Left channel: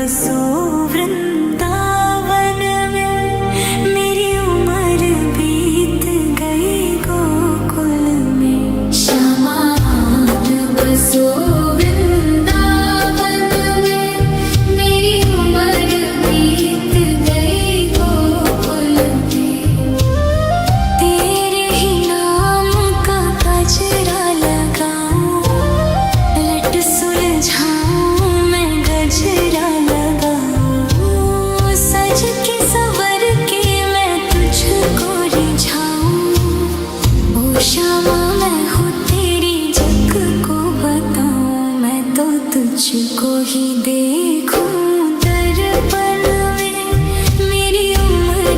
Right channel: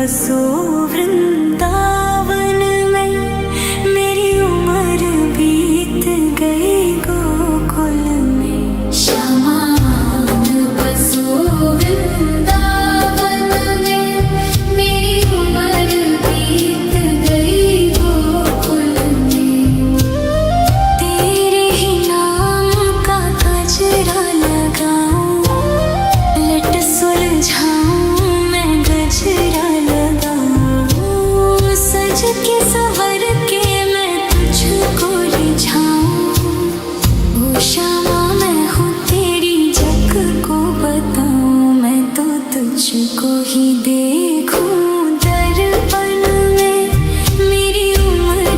बसो वृंदावन में, मेरी उम्र बीत गई गोकुल में। श्यामान बसो वृंदावन में, मेरी उम्र बीत गई गोकुल में। तेरे ही नाम का गजरा लगाऊं, लट सुलझाऊं मैं गजरा लगाऊं, सज के संवर के मैं तुझको रिझाऊं। ओ श्यामा मैं हूँ तेरी जग को बताऊं, मैं तो तुझको ही देखूं दर्पण में, मेरी उम्र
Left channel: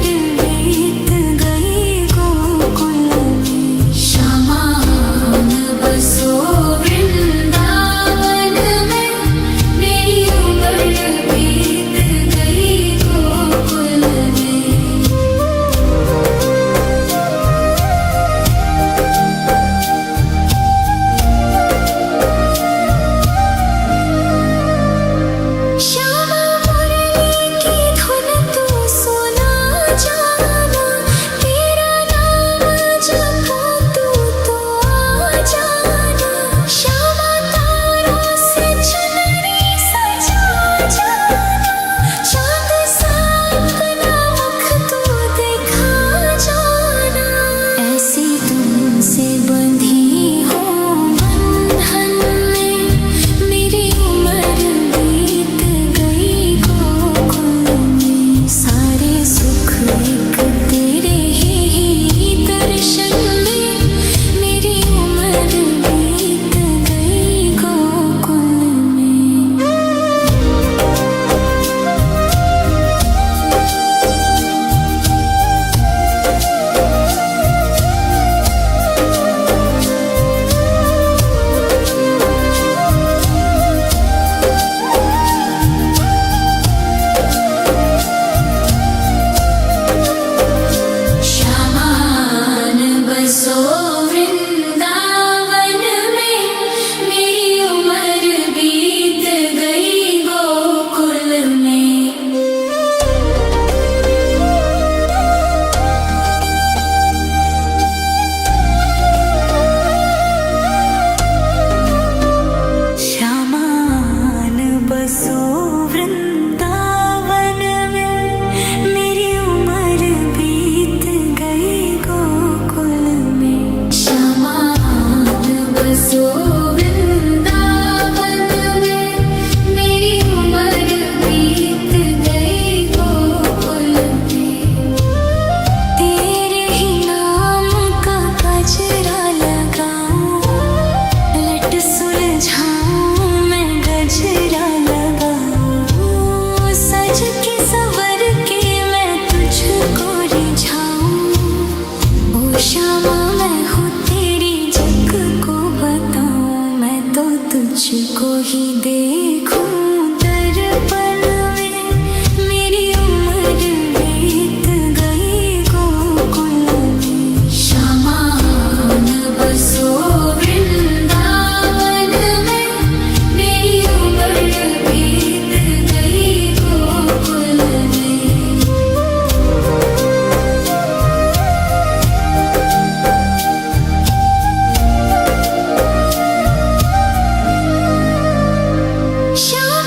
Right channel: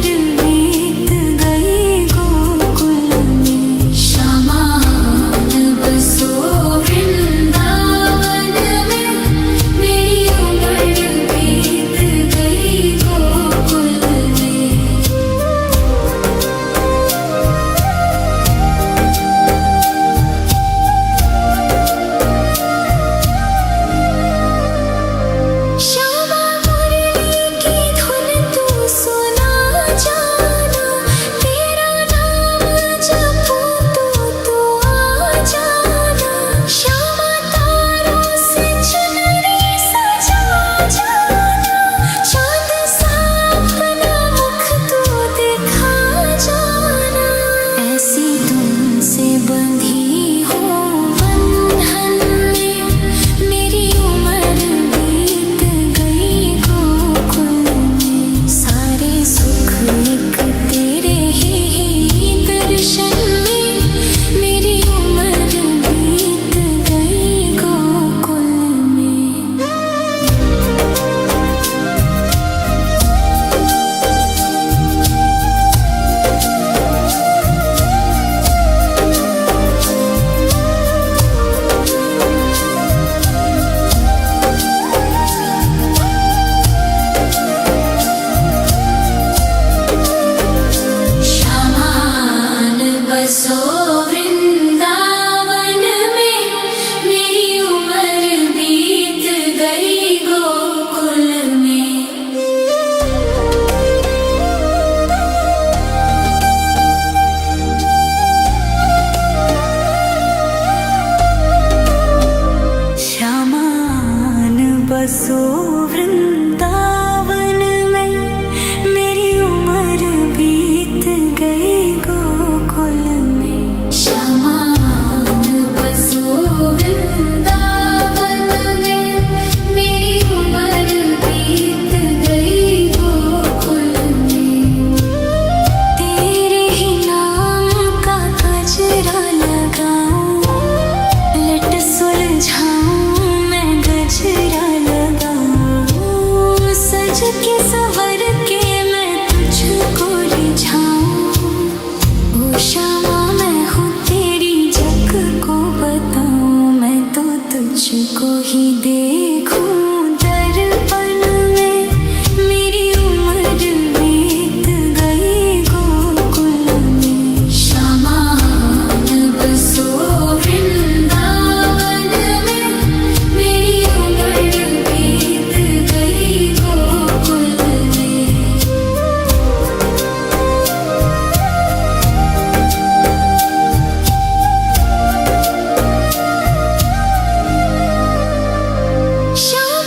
बीत गई गोकुल में। श्यामान बसो वृंदावन में, मेरी उम्र बीत गई गोकुल में। श्यामा मुरली की धुन तू सुना जाना, तेरा नाम जपूं तू तो आ जाना। श्यामा तारों से चुनरी सजा जाना, चांद सा अपना मुख तू दिखा जाना। ऐसी तुमसे बंधी हूँ बंधन में, मेरी उम्र बीत गई गोकुल में। सारे सुख एक तेरे ही दर्शन में, मेरी उम्र बीत गई गोकुल में। श्यामान बसो वृंदावन में, मेरी उम्र बीत गई गोकुल में। श्यामान बसो वृंदावन में, मेरी उम्र बीत गई गोकुल में। श्यामान बसो वृंदावन में, मेरी उम्र बीत गई गोकुल में। तेरे ही नाम का गजरा लगाऊं, लट सुलझाऊं मैं गजरा लगाऊं, सज के संवर के मैं तुझको रिझाऊं। ओ श्यामा मैं हूँ तेरी जग को बताऊं, मैं तो तुझको ही देखूं दर्पण में, मेरी उम्र बीत गई गोकुल में। श्यामान बसो वृंदावन में, मेरी उम्र बीत गई गोकुल में। श्यामा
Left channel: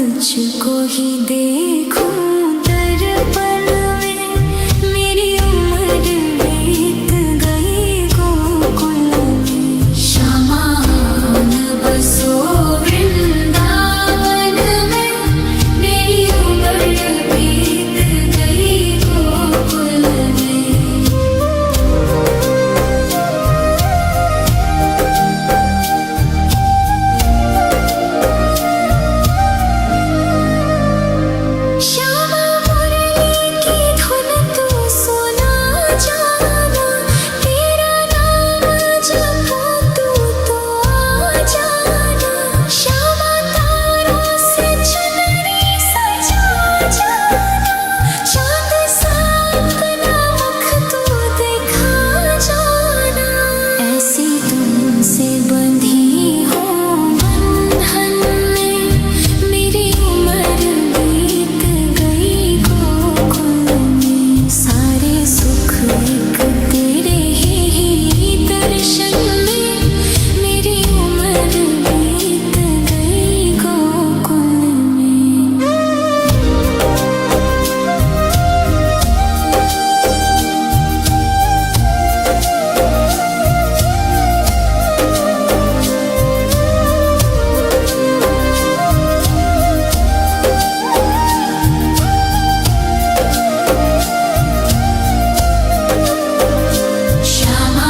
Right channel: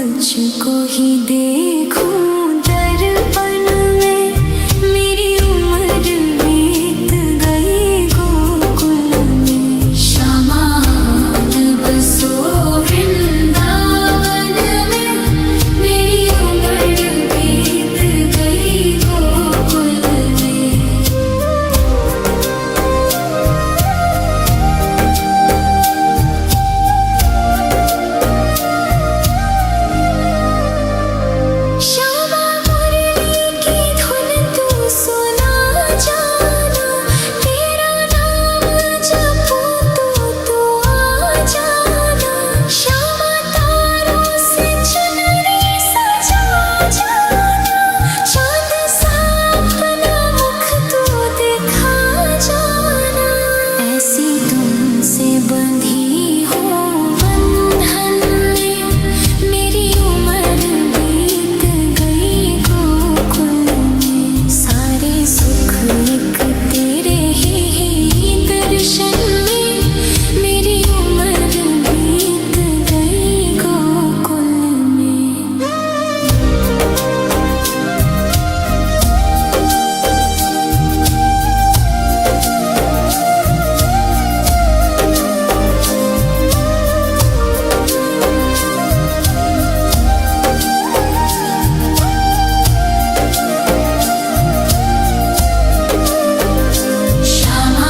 तुझको ही देखूं दर्पण में, मेरी उम्र बीत गई गोकुल में। श्यामान बसो वृंदावन में, मेरी उम्र बीत गई गोकुल में। श्यामा मुरली की धुन तू सुना जाना, तेरा नाम जपूं तो आ जाना। श्यामा तारों से चुनरी सजा जाना, चांद सा अपना मुख तू दिखा जाना। ऐसी तुमसे बंधी हो बंधन में, मेरी उम्र बीत गई गोकुल में। सारे सुख एक तेरे ही दर्शन में, मेरी उम्र बीत गई गोकुल में।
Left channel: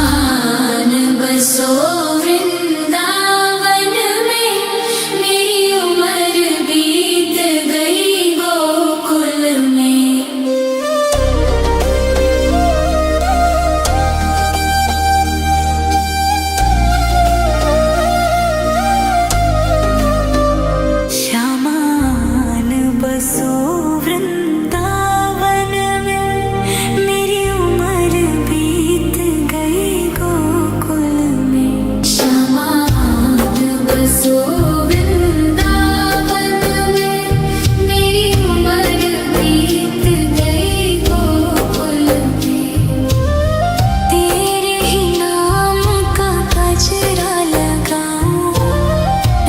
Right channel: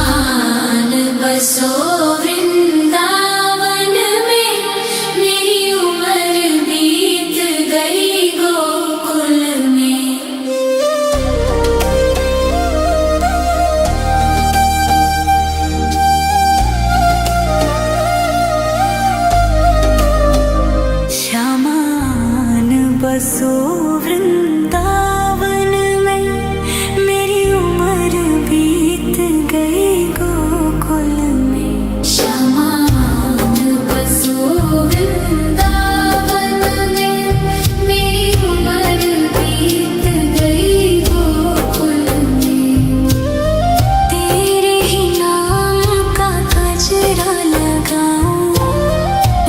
श्यामान बसो वृंदावन में, मेरी उम्र बीत गई गोकुल में। श्यामान बसो वृंदावन में, मेरी उम्र बीत गई गोकुल में। श्यामान बसो वृंदावन में, मेरी उम्र बीत गई गोकुल में। तेरे ही नाम का गजरा लगाऊं,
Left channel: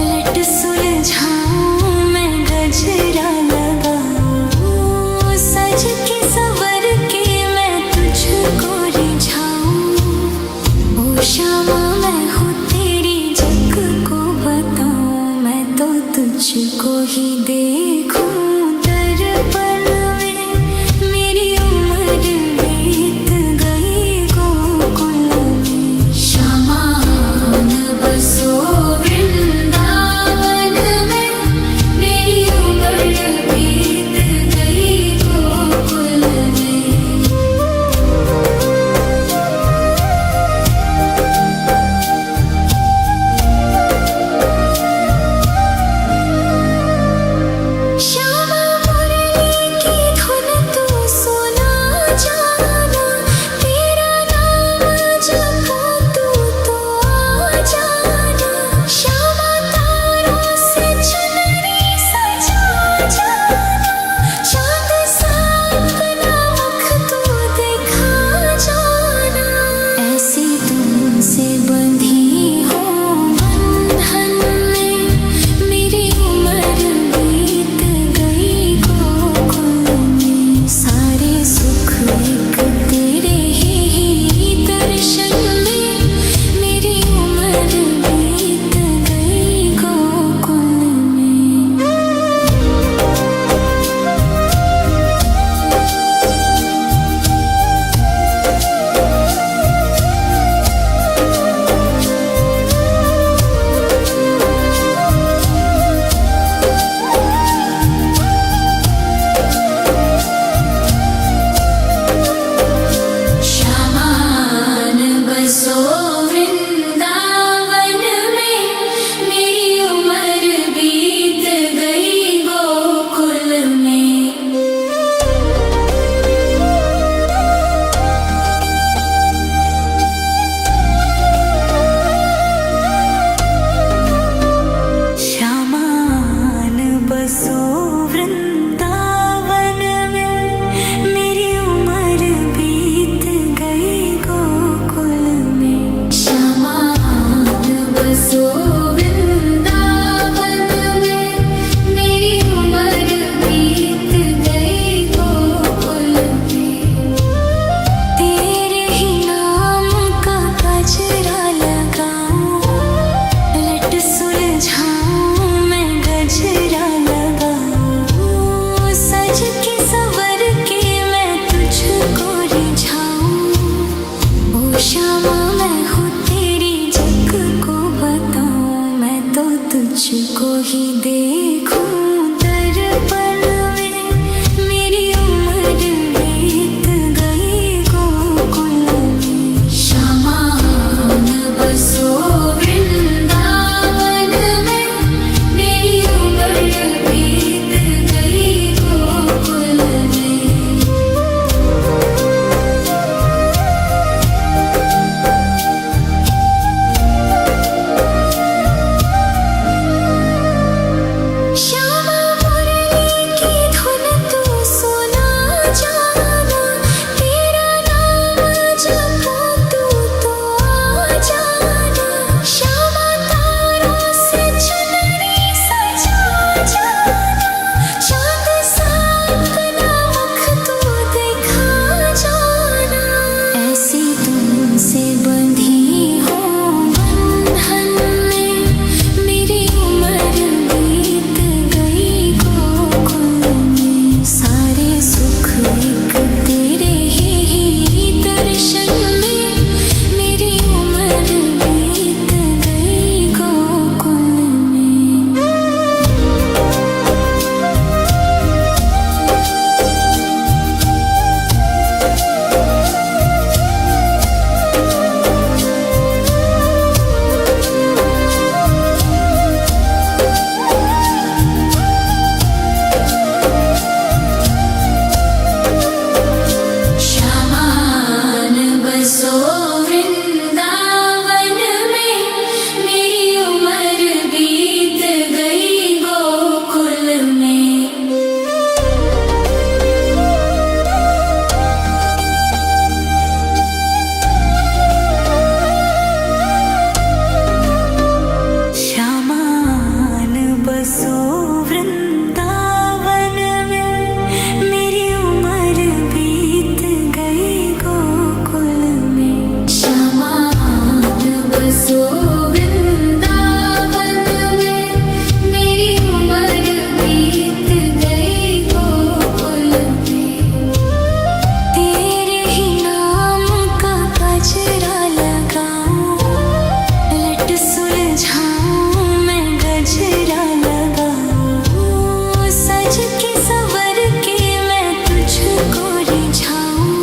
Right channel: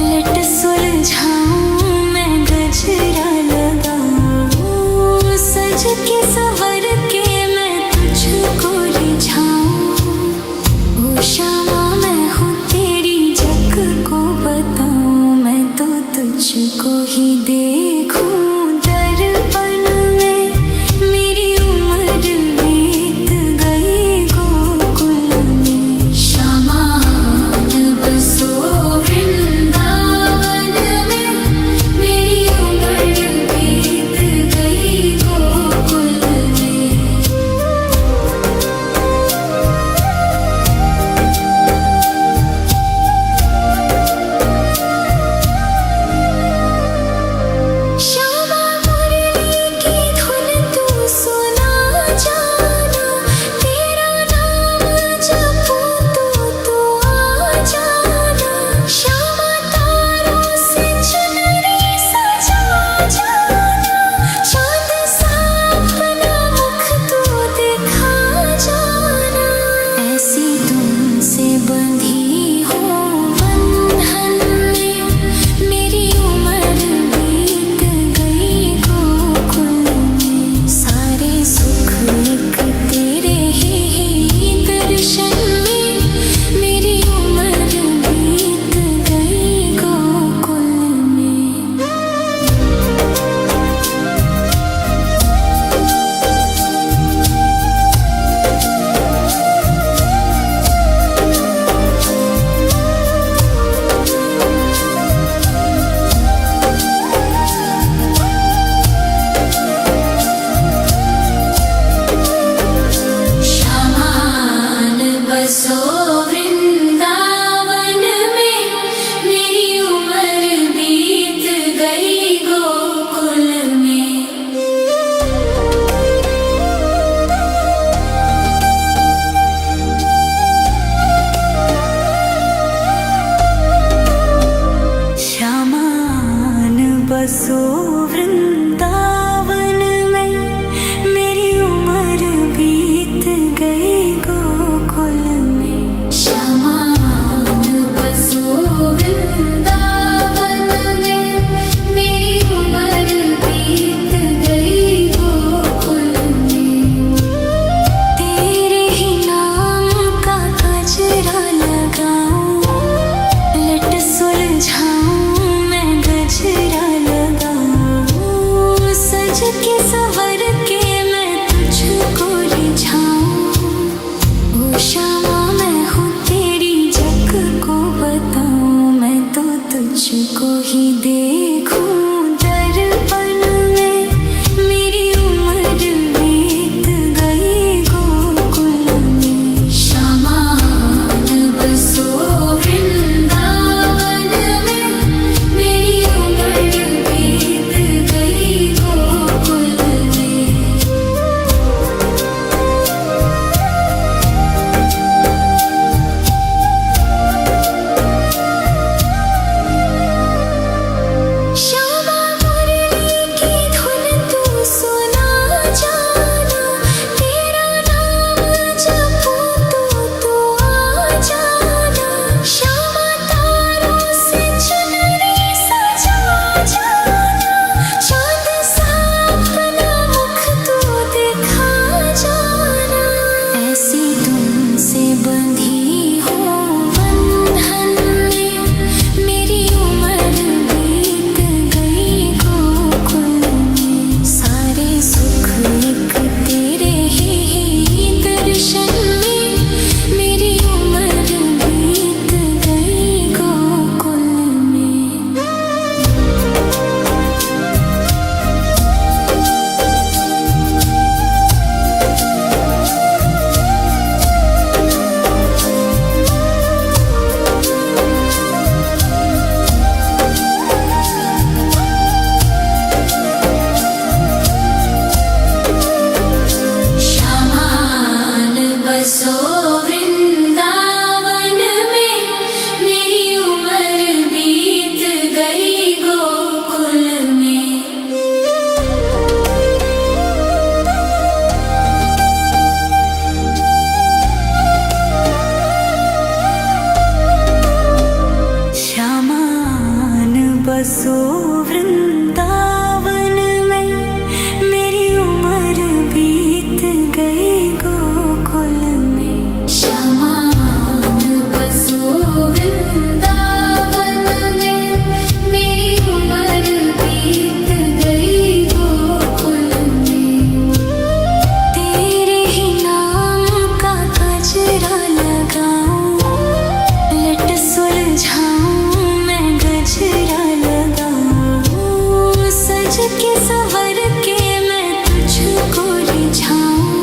लट सुलझाऊं मैं गजरा लगाऊं। सज के संवर के मैं तुझको रिझाऊं। ओ श्यामा मैं हूँ तेरी जग को बताऊं, मैं तो तुझको ही देखूं दर्पण में, मेरी उम्र बीत गई गोकुल में। श्यामान बसो वृंदावन में, मेरी उम्र बीत गई गोकुल में। श्यामा मुरली की धुन तू सुना जाना, तेरा नाम जपूं तो आ जाना। श्यामा तारों से चुनरी सजा जाना, चांद सा अपना मुख तू दिखा जाना। ऐसी तुमसे बंधी हो बंधन में, मेरी उम्र बीत गई गोकुल में। सारे सुख एक तेरे ही दर्शन में, मेरी उम्र बीत गई गोकुल में। श्यामान तुझको ही देखूं दर्पण में, मेरी उम्र बीत गई गोकुल में। श्यामान बसो वृंदावन में, मेरी उम्र बीत गई गोकुल में। श्यामा मुरली की धुन तू सुना जाना, तेरा नाम जपूं तो आ जाना। श्यामा तारों से चुनरी सजा जाना, चांद सा अपना मुख तू दिखा जाना। ऐसी तुमसे बंधी हो बंधन में, मेरी उम्र बीत गई गोकुल में। सारे सुख एक तेरे ही दर्शन में, मेरी उम्र बीत गई गोकुल में। श्यामान बसो वृंदावन में, मेरी उम्र बीत गई गोकुल में। श्यामान बसो वृंदावन में, मेरी उम्र बीत गई गोकुल में। श्यामान बसो वृंदावन में, मेरी उम्र बीत गई गोकुल में। तेरे ही नाम का गजरा लगाऊं, लट सुलझाऊं मैं गजरा लगाऊं। सज के संवर के मैं तुझको रिझाऊं।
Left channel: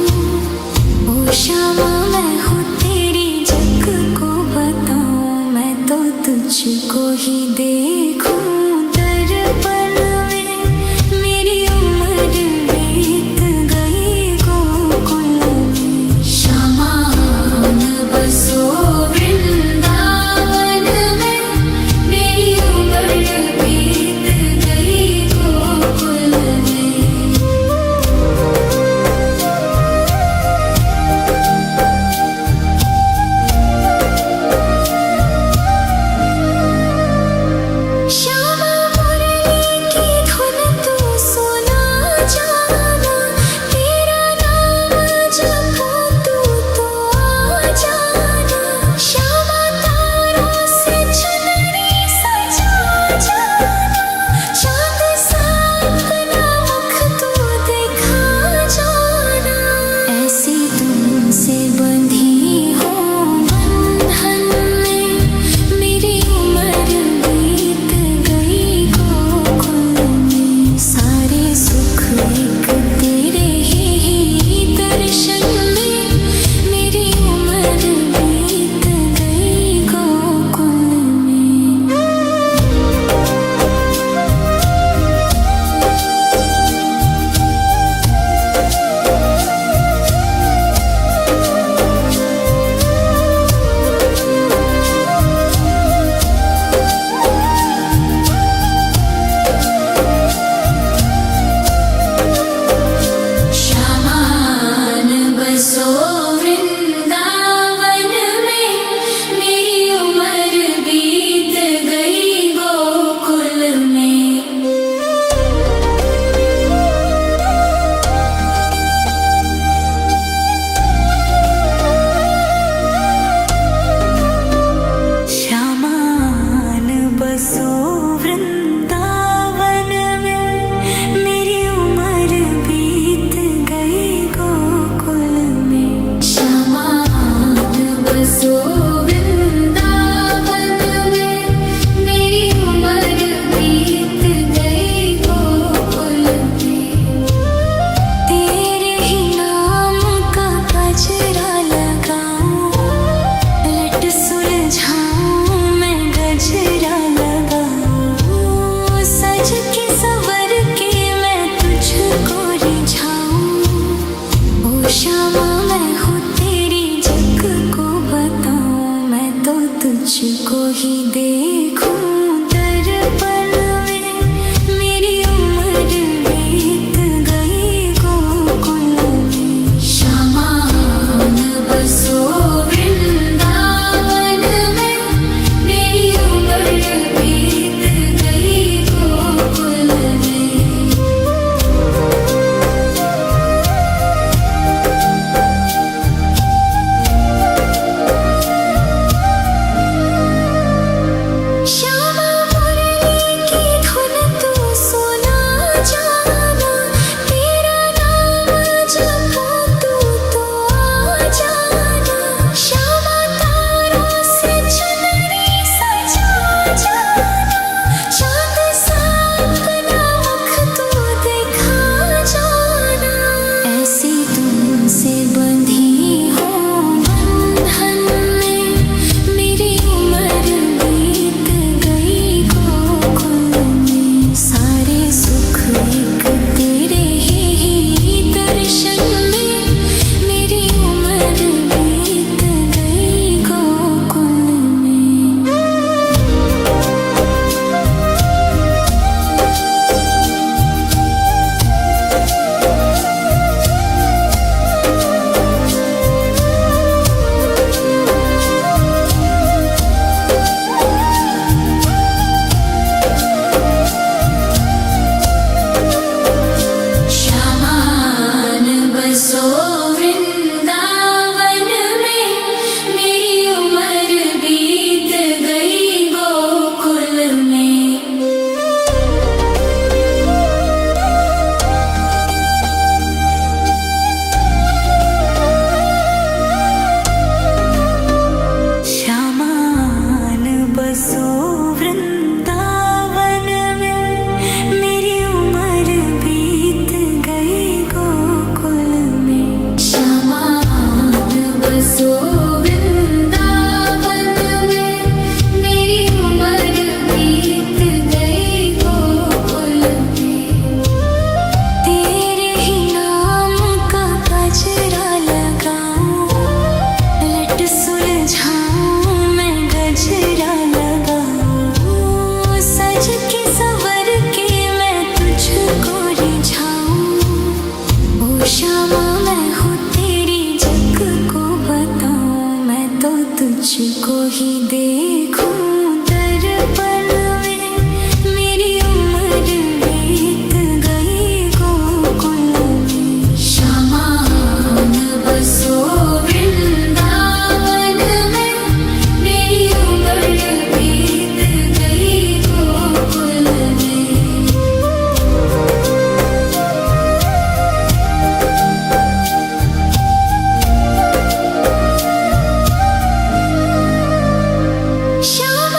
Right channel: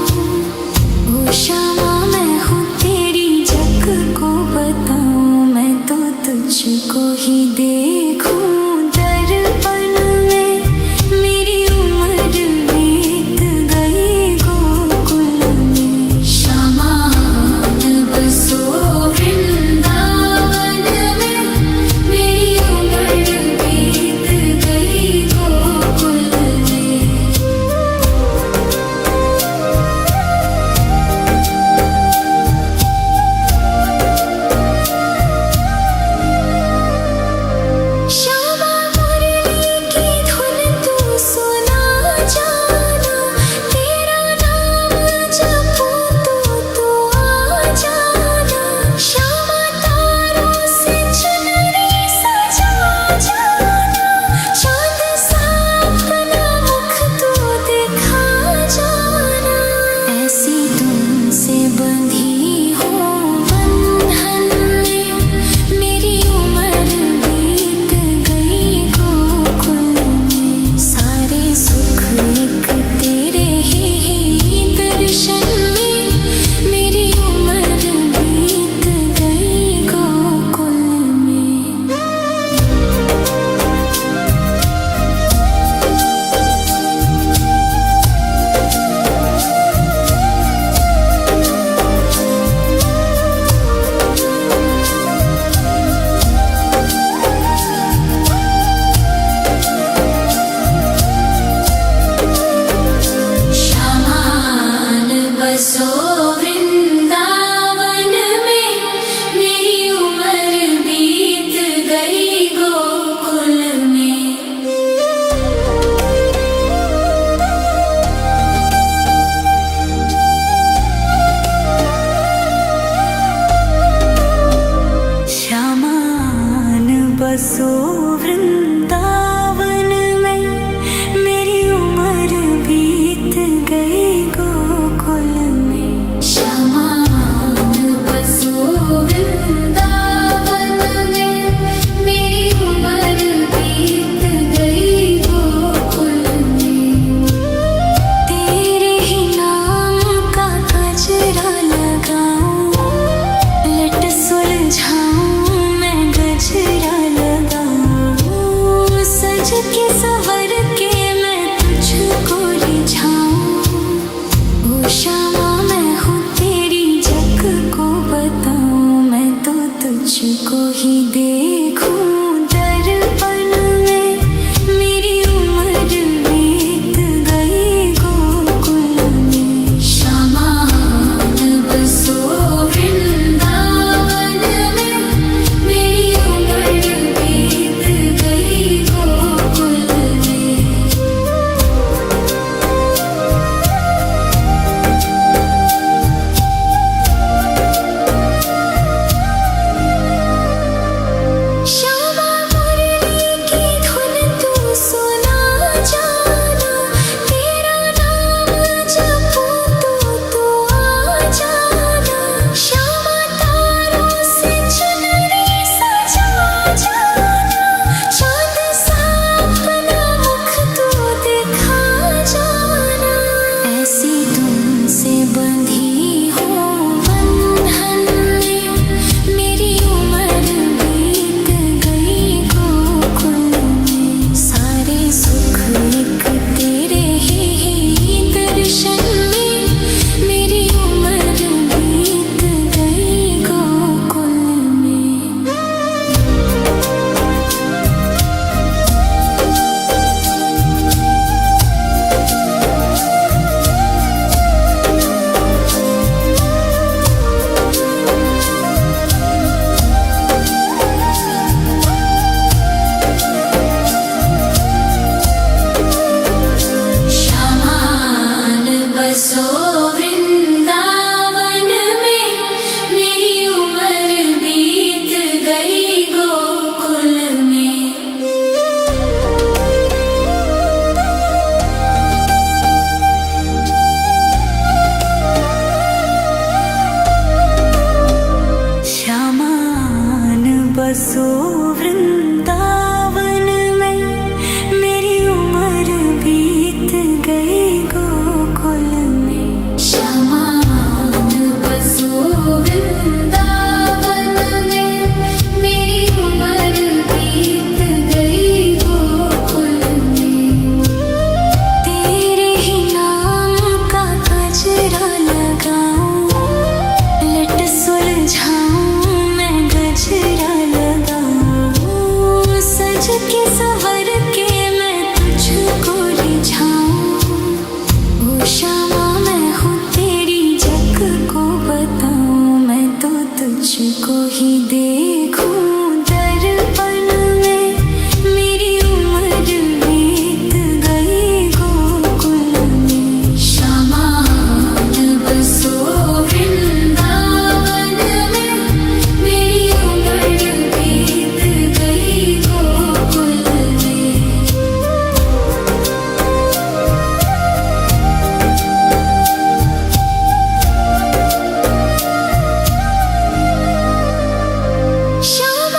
ओ श्यामा मैं हूँ तेरी जग को बताऊं, मैं तो तुझको ही देखूं दर्पण में, मेरी उम्र बीत गई गोकुल में। श्यामान बसो वृंदावन में, मेरी उम्र बीत गई गोकुल में। श्यामा मुरली की धुन तू सुना जाना, तेरा नाम जपूं तो आ जाना। श्यामा तारों से चुनरी सजा जाना, चांद सा अपना मुख तू दिखा जाना। ऐसी तुमसे बंधी हो बंधन में, मेरी उम्र बीत गई गोकुल में। सारे सुख एक तेरे ही दर्शन में, मेरी उम्र बीत गई गोकुल में। श्यामान बसो वृंदावन में, मेरी उम्र बीत गई गोकुल में। श्यामान बसो वृंदावन में, मेरी उम्र बीत गई गोकुल में। तुझको ही देखूं दर्पण में। मेरी उम्र बीत गई गोकुल में। श्यामान बसो वृंदावन में, मेरी उम्र बीत गई गोकुल में। श्यामा मुरली की धुन तू सुना जाना, तेरा नाम जपूं तो आ जाना। श्यामा तारों से चुनरी सजा जाना, चांद सा अपना मुख तू दिखा जाना। ऐसी तुमसे बंधी हो बंधन में, मेरी उम्र बीत गई गोकुल में। सारे सुख एक तेरे ही दर्शन में, मेरी उम्र बीत गई गोकुल में। श्यामान बसो वृंदावन में, मेरी उम्र बीत गई गोकुल में। श्यामान बसो वृंदावन में, मेरी उम्र बीत गई गोकुल में। श्यामान बसो वृंदावन में, मेरी उम्र बीत गई गोकुल में। तेरे ही नाम का गजरा लगाऊं, लट सुलझाऊं मैं गजरा लगाऊं। सज के संवर के मैं तुझको रिझाऊं। ओ श्यामा मैं हूँ तेरी जग को बताऊं। मैं तो तुझको ही देखूं दर्पण में, मेरी उम्र बीत गई गोकुल में। श्यामान बसो वृंदावन में, मेरी उम्र बीत गई गोकुल में। श्यामा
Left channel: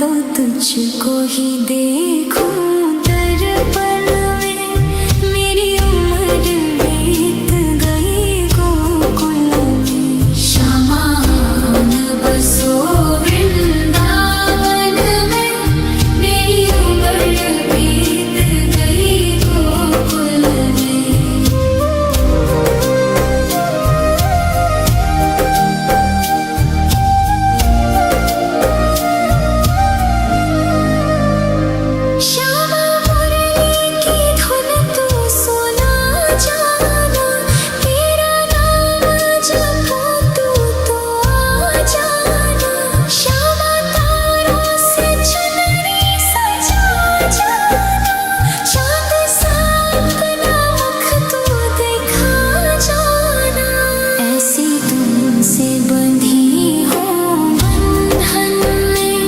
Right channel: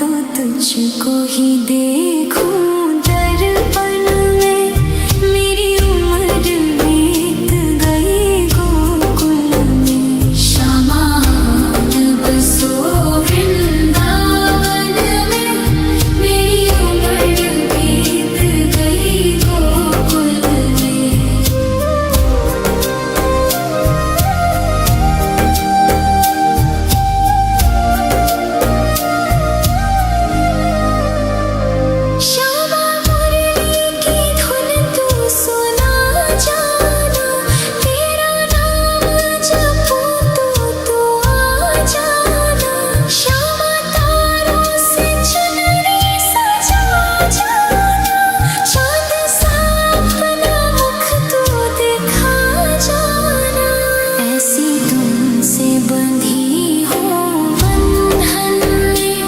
तो तुझको ही देखूं दर्पण में। मेरी उम्र बीत गई गोकुल में। श्यामान बसो वृंदावन में, मेरी उम्र बीत गई गोकुल में। श्यामा मुरली की धुन तू सुना जाना, तेरा नाम जपूं तो आ जाना। श्यामा तारों से चुनरी सजा जाना, चांद सा अपना मुख तू दिखा जाना। ऐसी तुमसे बंधी हो बंधन में,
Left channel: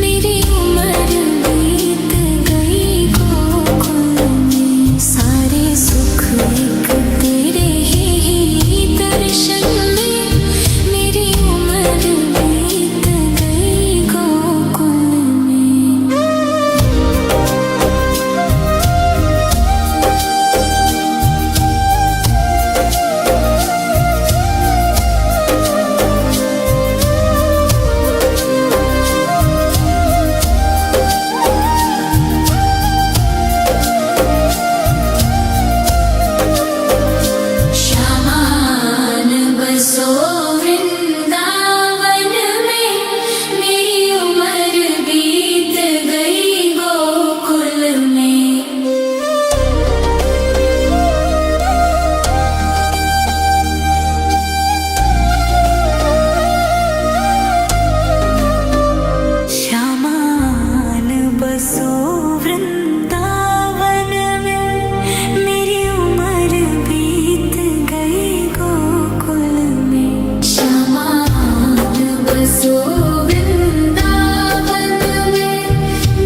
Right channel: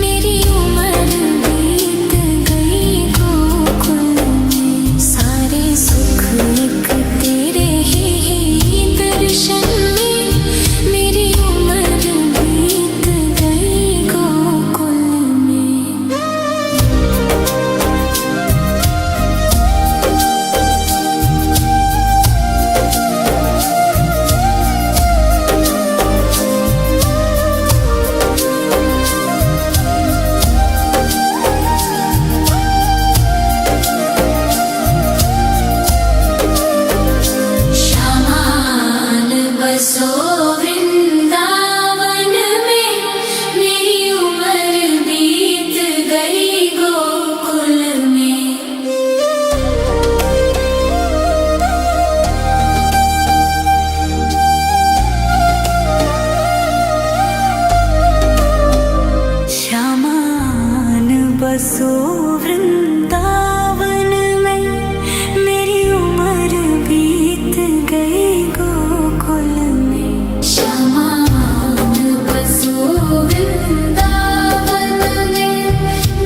मेरी उम्र बीत गई गोकुल में। सारे सुख एक तेरे ही दर्शन में, मेरी उम्र बीत गई गोकुल में। श्यामान बसो वृंदावन में, मेरी उम्र बीत गई गोकुल में। श्यामान बसो वृंदावन में, मेरी उम्र बीत गई गोकुल में। श्यामान बसो वृंदावन में,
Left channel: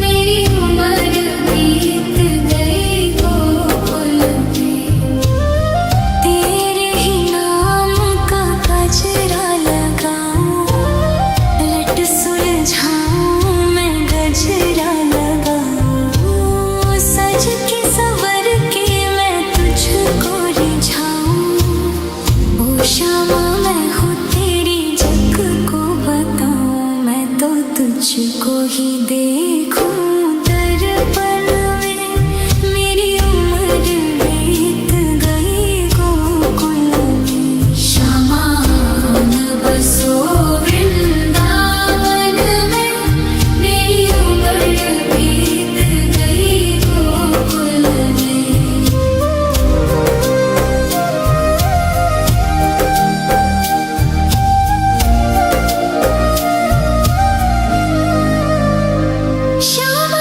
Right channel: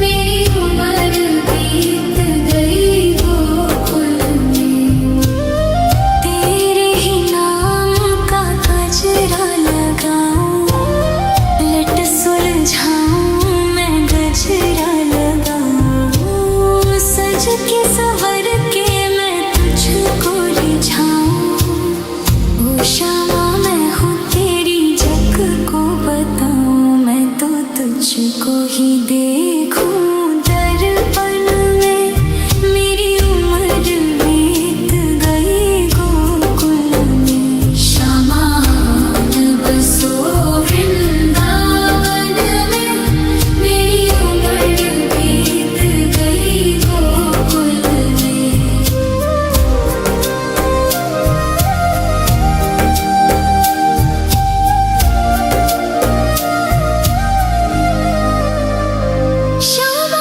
मेरी उम्र बीत गई गोकुल में। तेरे ही नाम का गजरा लगाऊं, लट सुलझाऊं मैं गजरा लगाऊं। सज के संवर के मैं तुझको रिझाऊं। ओ श्यामा मैं हूँ तेरी जग को बताऊं, मैं तो तुझको ही देखूं दर्पण में। मेरी उम्र बीत गई गोकुल में। श्यामान बसो वृंदावन में, मेरी उम्र बीत गई गोकुल में। श्यामा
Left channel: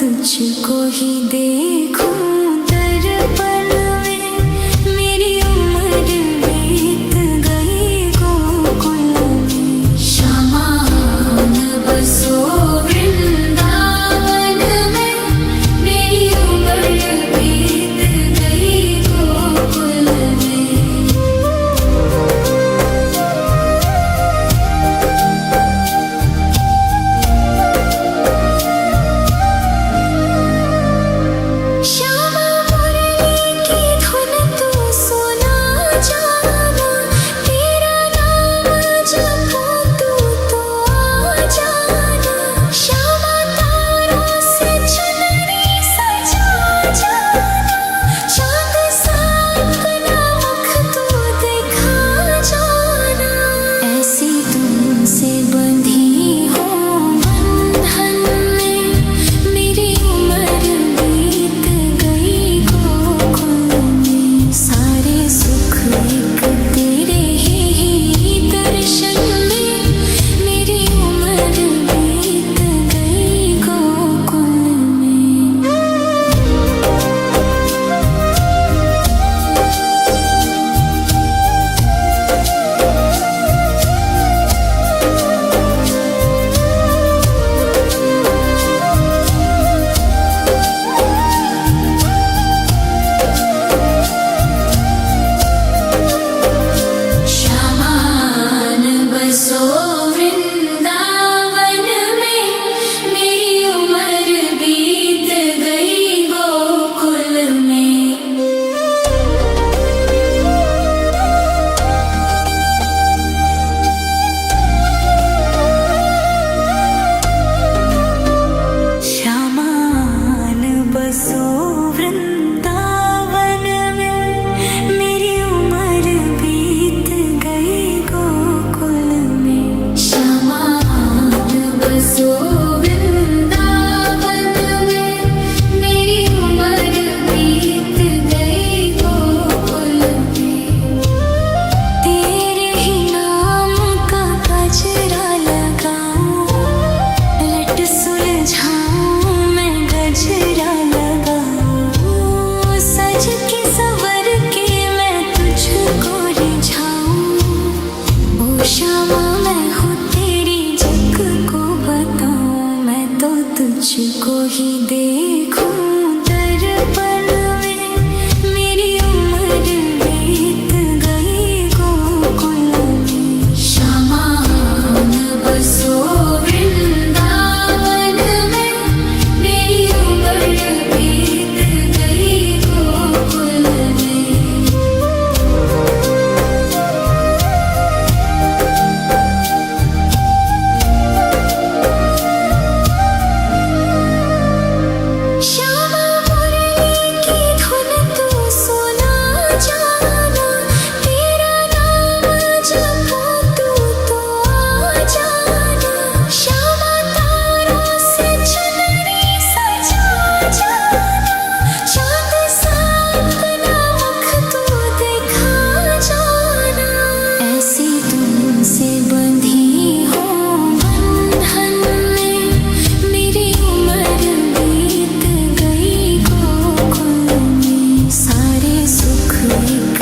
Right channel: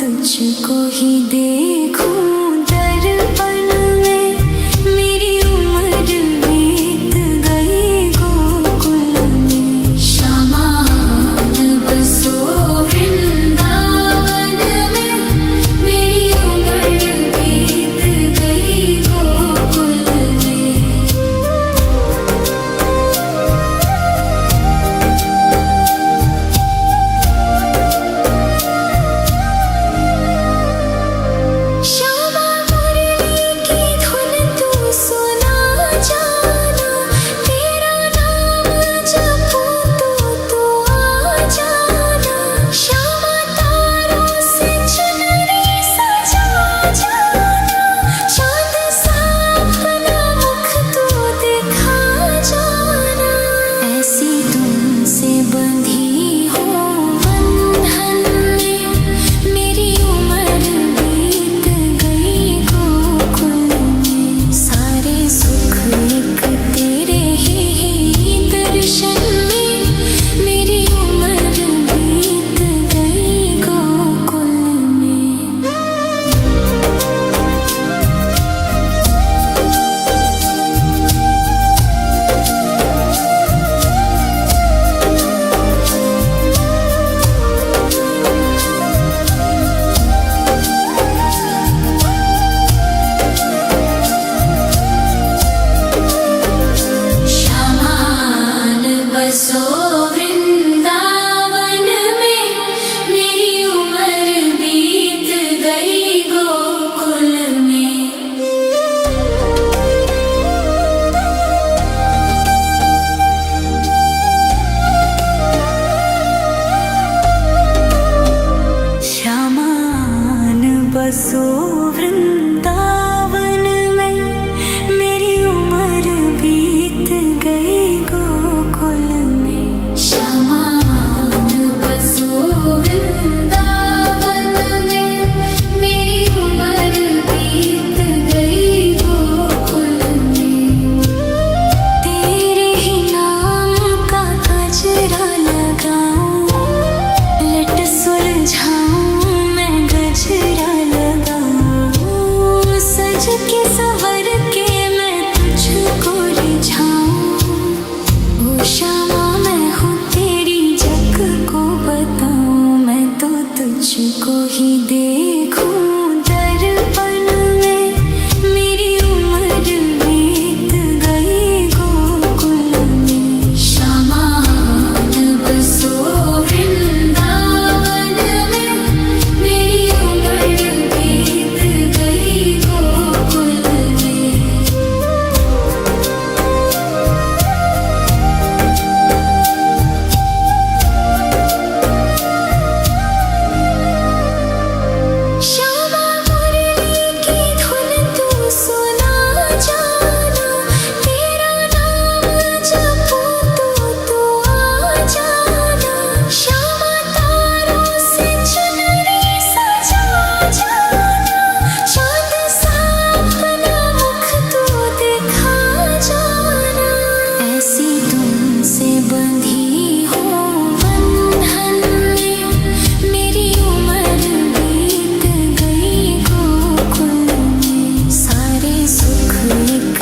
तुझको ही देखूं दर्पण में, मेरी उम्र बीत गई गोकुल में। श्यामान बसो वृंदावन में, मेरी उम्र बीत गई गोकुल में। श्यामा मुरली की धुन तू सुना जाना, तेरा नाम जपूं तो आ जाना। श्यामा तारों से चुनरी सजा जाना, चांद सा अपना मुख तू दिखा जाना। ऐसी तुमसे बंधी हो बंधन में, मेरी उम्र बीत गई गोकुल में। सारे सुख एक तेरे ही दर्शन में, मेरी उम्र बीत गई गोकुल में। श्यामान बसो वृंदावन में, मेरी उम्र बीत गई गोकुल में। श्यामान बसो वृंदावन में, मेरी उम्र बीत गई गोकुल में। श्यामान बसो वृंदावन में, मेरी उम्र बीत गई गोकुल में। तेरे ही नाम का गजरा लगाऊं, लट सुलझाऊं मैं गजरा लगाऊं। सज के संवर के मैं तुझको रिझाऊं। ओ श्यामा मैं हूँ तेरी जग को बताऊं, मैं तो तुझको ही देखूं दर्पण में, मेरी उम्र बीत गई गोकुल में। श्यामान बसो वृंदावन में, मेरी उम्र बीत गई गोकुल में। श्यामा मुरली की धुन तू सुना जाना, तेरा नाम जपूं तो आ जाना। श्यामा तारों से चुनरी सजा जाना, चांद सा अपना मुख तू दिखा जाना। ऐसी तुमसे बंधी हो बंधन में, मेरी उम्र बीत गई गोकुल में। सारे सुख एक